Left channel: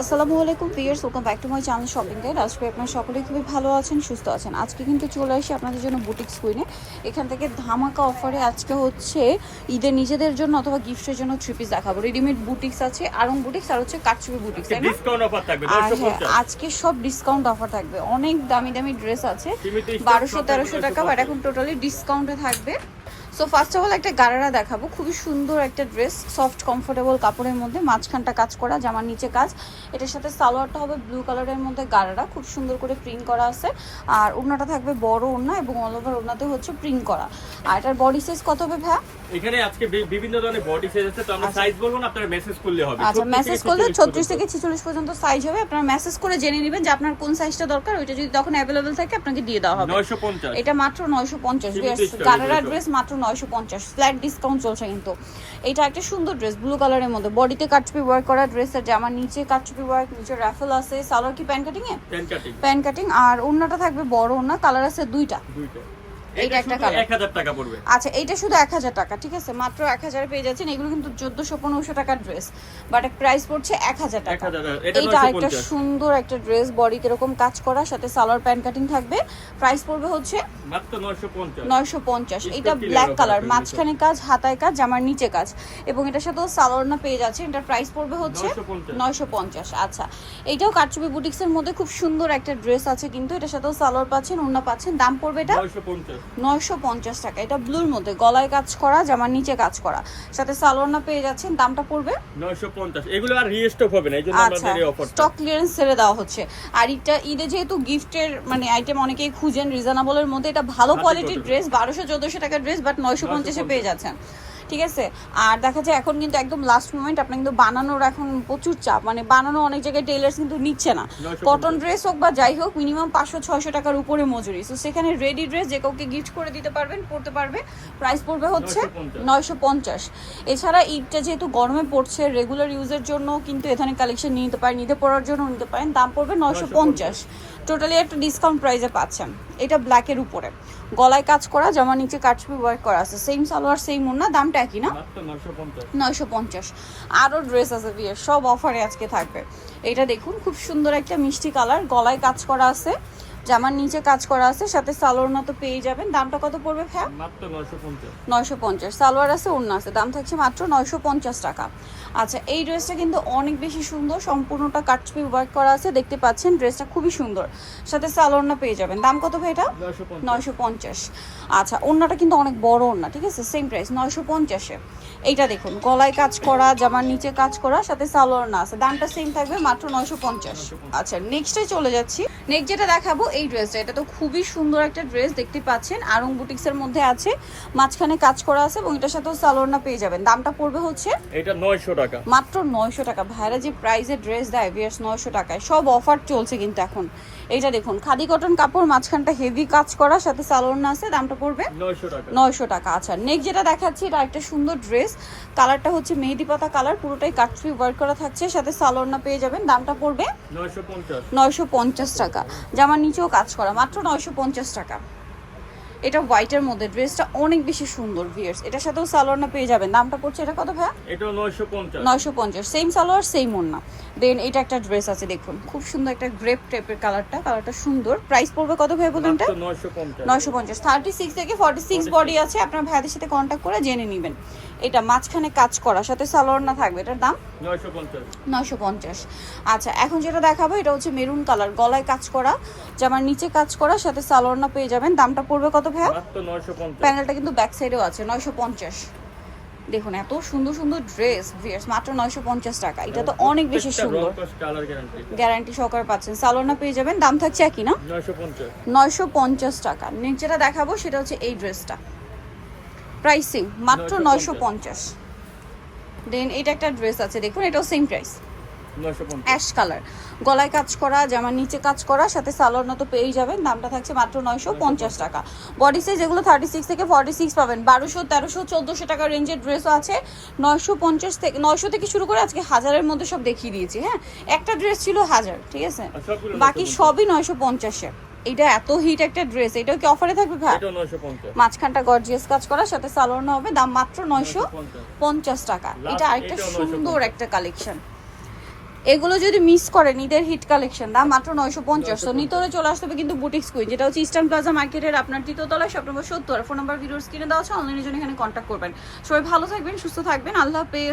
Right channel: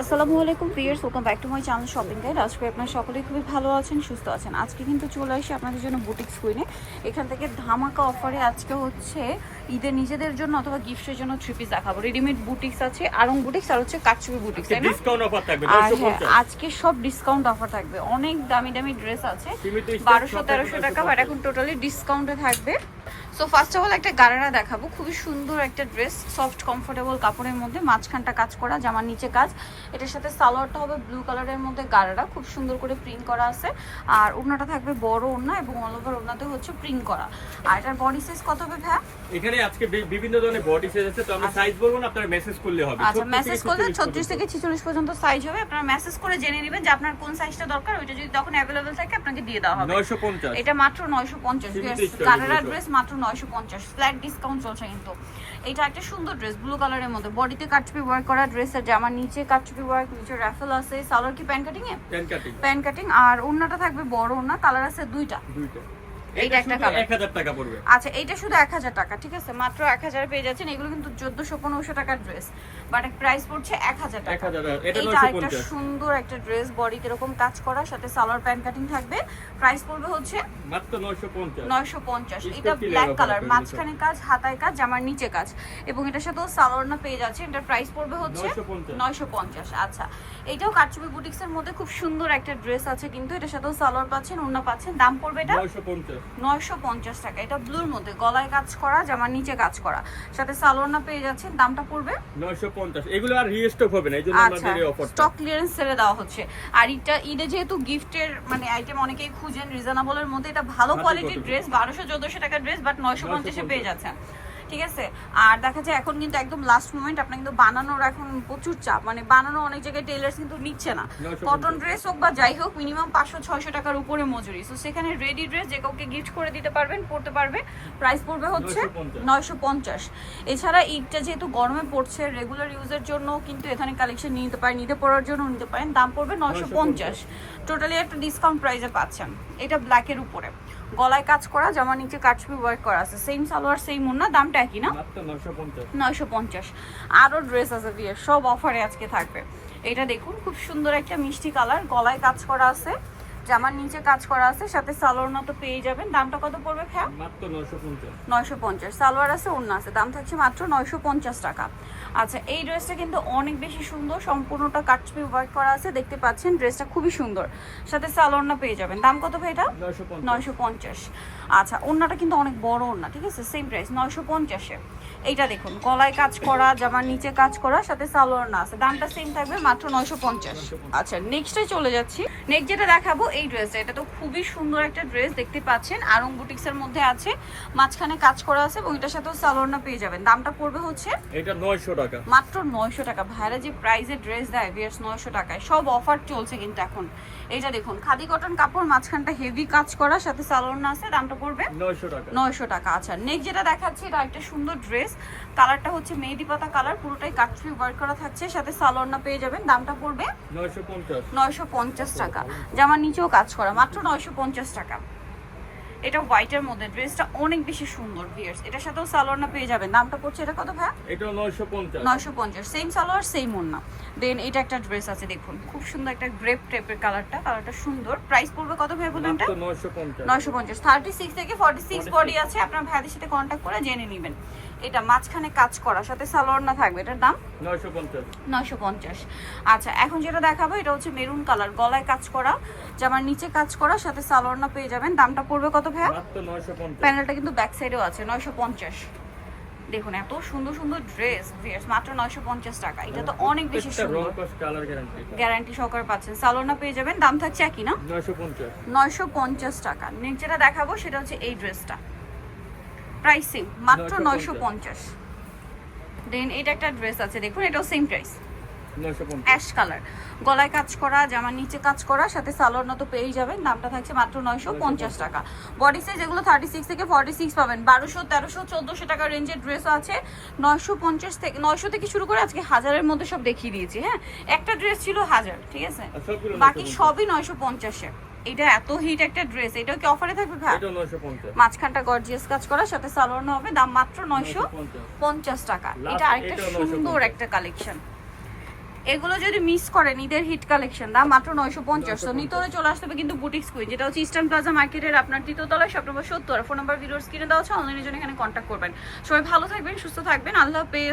আসসালামু আলাইকুম viewers, welcome back to my channel shopping guide. আজকে আপনারা সকলেই খুবই ভালো আছেন, সুস্থ আছেন। আজকে কিন্তু চলে আসি আপনাদের জন্য বুটিক্স কুইনে। এখান থেকে ধামাকা অফারে আজকে হচ্ছে ঈদের নিজেদের জন্য অথবা গিফটের জন্য থ্রি পিস দেখাবো। রেডিমেড বুটিক্স আছে, আরং বুটিক্স আর হচ্ছে কাটচুপি বুটিক্স, তাই না? ডিসকাউন্ট অফার থাকবে আর আজকে সব ডিসকাউন্ট অফার থাকবে। অনেক দামি দামি ড্রেস আছে, 1200-1300 টাকা, বাট এখন টোটালি ডিসকাউন্টে থাকবে। সো ফার্স্ট অফ অল একটা গারারা দেখাবো, খুবই সুন্দর একটা ড্রেস, সফট কমফোর্টেবল কাপড়ের মধ্যে, মাঝখানটা কাজ করা, জামার নিচে কাজ। এটার সাথে সালোয়ারটা হবে ব্লু কালারের মধ্যে গারারা, খুব সুন্দর করে প্রিন্ট করা আছে। আর ওড়নাটা থাকবে বড় ওড়না এবং অল ওভার ওড়নাতে হচ্ছে প্রিন্ট করা। আর এটার বডি সাইজ কত হবে ভাই? এখানে আজকে বিভিন্ন ধরনের বডি সাইজ আছে, তো আমরা সাইজ বলবো না, আপনারা মেসেজ করলে হবে। আচ্ছা, মেসেজ করলে 36 থেকে 46 পর্যন্ত সাইজ হবে। আপনারা মেসেজ করে জেনে নেবেন যে আপনার কোন সাইজটা দরকার, ওইটা যদি তখন अवेलेबल থাকে আপনাকে দিয়ে দেওয়া হবে। 950, এটা মাত্র 950। গারারা ড্রেস মাত্র 950, ফ্ল্যাট ডিসকাউন্ট চলছে কিন্তু। এটা একটা সুন্দর ড্রেস ব্লু কালারের মধ্যে, বডিতে কাটচুপি ওয়ার্ক করা ড্রেসের জামার নিচে কাটচুপি ওয়ার্ক, নিচে রাফেল আছে, সালোয়ার কি প্যান কাটিং এ? Pan cutting. আর ওড়নাটা থাকবে বড় ওড়না, কালার আছে দুইটা। এইটা একটা কালার 1000 টাকা পড়বে। আচ্ছা, এইটা শুধু 1000 টাকা, ঠিক আছে? মাত্র 1000 পেয়ে যাচ্ছেন। এগুলো কিন্তু 1400-1500 টাকার ড্রেস, বাট প্রাইস পড়ছে 1000 টাকা। এটা একটা সুন্দর একটা ড্রেস, বডি কিরকম কাজ করা, সাথে সালোয়ার প্যান্ট কাটিং থাকবে। প্রাইস পড়বে হচ্ছে মাত্র 950। এটা ব্ল্যাক কালার, মাঝখানে কাজ, হাতায় কাজ, জামার নিচে কাজ, এবং এটার সাথেও সালোয়ার না পেয়ে যাচ্ছে। এটার প্রাইস পড়বে হচ্ছে 950। আচ্ছা, এইটাও কাটচুপি বুটিক্সের মধ্যে খুব সুন্দর একটা ড্রেস আছে, কিন্তু এটার সাথেও সালোয়ার পাচ্ছেন, ওড়না পাচ্ছেন। দাম পড়বে এটা 950 টাকা। এটা ব্লুর মধ্যে, গলায় কাজ করা, জামার নিচে কাজ করা, সাথে সালোয়ার না পেয়ে যাচ্ছেন। দামটা পড়বে 950। এগুলো আর রিস্টক হবে না, এইজন্য আমাদের এই অফারটা স্টক ক্লিয়ারেন্স সেলে দেওয়া হচ্ছে। আর এটা ঈদে যেহেতু গিফটের মানে আইটেম অনেকেই খুঁজেন রিজনেবলের মধ্যে, এটা ভালো কোয়ালিটির ড্রেস, 1200-1400 টাকার ড্রেস, বাট 950 এ পেয়ে যাচ্ছেন, ঠিক আছে? আর দেখা যায় এখন কিন্তু একদম লাস্ট মোমেন্ট, আপনার কিন্তু বানানোর এখন প্রচুর চাপ, মানে বানানো অনেক জায়গায় টেইলার্স কিন্তু নিচ্ছে না। কটন ড্রেস হোক বা যাই হোক, মিনিমাম 500-600 টাকার উপরে মজুরি। সো সেখানে রেডি ড্রেস যে কাউকে গিফট করে দিতে পারবেন, পড়তে পারবে। প্রাইস পড়বে হচ্ছে 950। এছাড়া ঈদটা যেহেতু গরমে পড়ছে, রেগুলার ইউজের জন্য কিন্তু এখানে কালেকশন নিতে পারেন, ঈদে পরার জন্য নিতে পারেন। দাম পড়বে 950। টোটালি একটা ডিসকাউন্ট প্রাইসে পাচ্ছেন। এটা ব্ল্যাকের উপরে, গলায় কাজ করা, জামার নিচে কাটচুপি ওয়ার্ক করা আছে, সেম সালোয়ার সেম ওড়না, দামটা একই না? 950। আরও ড্রেস আছে বিয়ের, সব অফারে আজকে থাকবে। এটা দেখুন, খুব সুন্দর একটা মিষ্টি কালার, গলায় কাজ করা আছে, জামার নিচে কাজ করা আছে, সাথে সালোয়ার মতো পেয়ে যাবেন। দামটা কত পড়বে ভাই? মাত্র 950। সালোয়ার আছে, ওড়না আছে, দাম থাকছে মাত্র 950 টাকা। আচ্ছা, এই ড্রেসটা কিন্তু অনেক বেশি সুন্দর, সম্পূর্ণটা কাটচুপি ওয়ার্ক করা আছে, দেখতে পাচ্ছেন। ড্রেসটা খুবই সুন্দর, সাথে সালোয়ার না পেয়ে যাবেন। দাম কত ভাই এটা? 950। আচ্ছা, ওড়নাটা কিন্তু অনেক বড় ওড়না, ঠিক আছে? সেম প্রাইস 950-এ। এইটা দেখুন, গলায় কাজ করা, জামার নিচে কাজ করা, সাথে সালোয়ার না আছে, দামটা সেম থাকবে মাত্র 950। আচ্ছা, নেক্সটে চলে যাচ্ছি। নেক্সট যেটা দেখাবো এই ড্রেসটা, এটা তো খুবই সুন্দর একটা ড্রেস, দেখতে পাচ্ছেন। আরং বুটিক্সের মধ্যে আছে, মাঝখানে কাজ করা আছে, এবং এটার সাথেও সালোয়ার না পেয়ে যাবেন। দামটা পড়বে হচ্ছে এটা 900 টাকা, মাত্র 900 টাকা। ভাইরা যে প্রাইসে ড্রেস দেয় ভিউয়ার্স, 900 টাকায় সব অফার চলছে কিন্তু এখন। এইটা দেখুন, খাদি কটন কাপড়, মাঝখানটা হেভি কাজ করা, সাথে সালোয়ার না আছে, দামটা পড়বে 900 টাকা। আচ্ছা, নেক্সট যেটা দেখাচ্ছি, এটা একটা সুন্দর ড্রেস, কালারটা হচ্ছে মেহেদি পাতা কালার, পুরোটাই কাটচুপি ওয়ার্ক করা থাকছে, সাথে সালোয়ার না পেয়ে যাবেন। দামটা পড়বে 950 টাকা। জামার নিচেও কাজ করা, মাত্র 950 টাকা। এটা হোয়াইটের মধ্যে, ড্রেসটা অনেক বেশি সুন্দর ভিউয়ার্স, এটার সাথেও সালোয়ার না পেয়ে যাবেন। দামটা পড়ছে এটা কত ভাই? এটা 950। সেম সালোয়ার সেম ওড়না। দেন এটা একটা ড্রেস আছে, দেখুন খুব সুন্দর একটা গ্রেপ টাইপের কালারটা সুন্দর। প্রাইস পড়বে কত ভাই বলুন? এটা 950। 36 থেকে 46 বডি আছে, আপনার ভাইদের সাথে কন্ট্যাক্ট করে জেনে নেবেন। এটা মাঝখানে কাজ করা, সাথে সালোয়ার না থাকবে, এটার দাম 950। আচ্ছা, এখন যেটা দেখাবো এটা হচ্ছে মেরুন কালার, গলায় কাজ করা, জামার নিচে কাজ করা, সাথে সালোয়ার না পেয়ে যাবেন। দামটা পড়বে কত ভাই? প্যানেলটা কিন্তু ব্যাক সাইডেও আছে, 950। দেখুন এত সুন্দর সুন্দর ড্রেস ভিউয়ার্স, মাত্র 950 টাকা। এটা তো অনেক বেশি সুন্দর, গ্যারান্টি সহকারে পাচ্ছেন। সালোয়ার না পেয়ে যাবেন। দাম থাকছে একই না? 950 টাকা। নেক্সট যেটা দেখাবো সেটা হচ্ছে এই ড্রেসটা, প্রাইসিং মাত্র 950। দেন এটা একটা ড্রেস আছে, দেখুন এটাও সেম প্রাইস, অ্যাশ কালার, গলায় কাজ করা, জামার নিচে কাজ করা, সাথে সালোয়ার না তো পেয়েই যাবেন। দামটা থাকছে মাত্র 950 টাকা। বডি সাইজ এগুলো 36 থেকে 46 পাবেন। 1200, 1300, 1400 টাকা রেঞ্জের ড্রেসও আছে। 950 থেকে 900 থেকে শুরু করে আজকে 1000-এর মধ্যে সব দেখিয়ে দিয়েছি। হ্যাঁ, একটা ড্রেস ছিল 1000, ঠিক আছে? বাকি সবই 950-এ। এটা এত হিট একটা ড্রেস, এটাও কি অফারে থাকবে ভাই? এটা 950। মাঝখানটা গর্জিয়াস কাজ করা, সাথে সালোয়ার হবে, দাম মাত্র 950 টাকা। এটা আরেকটা সুন্দর একটা কালেকশন, এগুলো যদি মিস করেন ঈদের হিট কালেকশন দাম মাত্র 950। তো নিতে হলে চলে আসতে হবে কিন্তু বুটিক্স কুইন, যেটা হচ্ছে ইস্টার্ন প্লাজা মার্কেটের আপনার তৃতীয়তলায়, শপ নম্বর 70। ফোন নাম্বার ভিডিওর স্ক্রিনে দেওয়া আছে, অনলাইনের জন্য এখানে কন্ট্যাক্ট করবেন। সবাই ভালো থাকবেন, সুস্থ থাকবেন, আল্লাহ হাফেজ।